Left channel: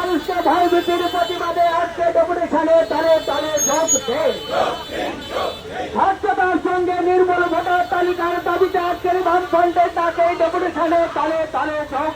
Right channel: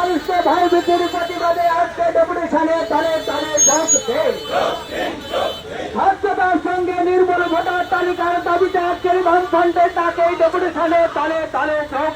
মানুষকে ভয় ভীতির প্রতিবাদে আজকে ডেপুটেশনে তালে তালে যোগ দেন আজকের বামফ্রন্টের তাকে ডেপুটেশনে তালে তালে যোগ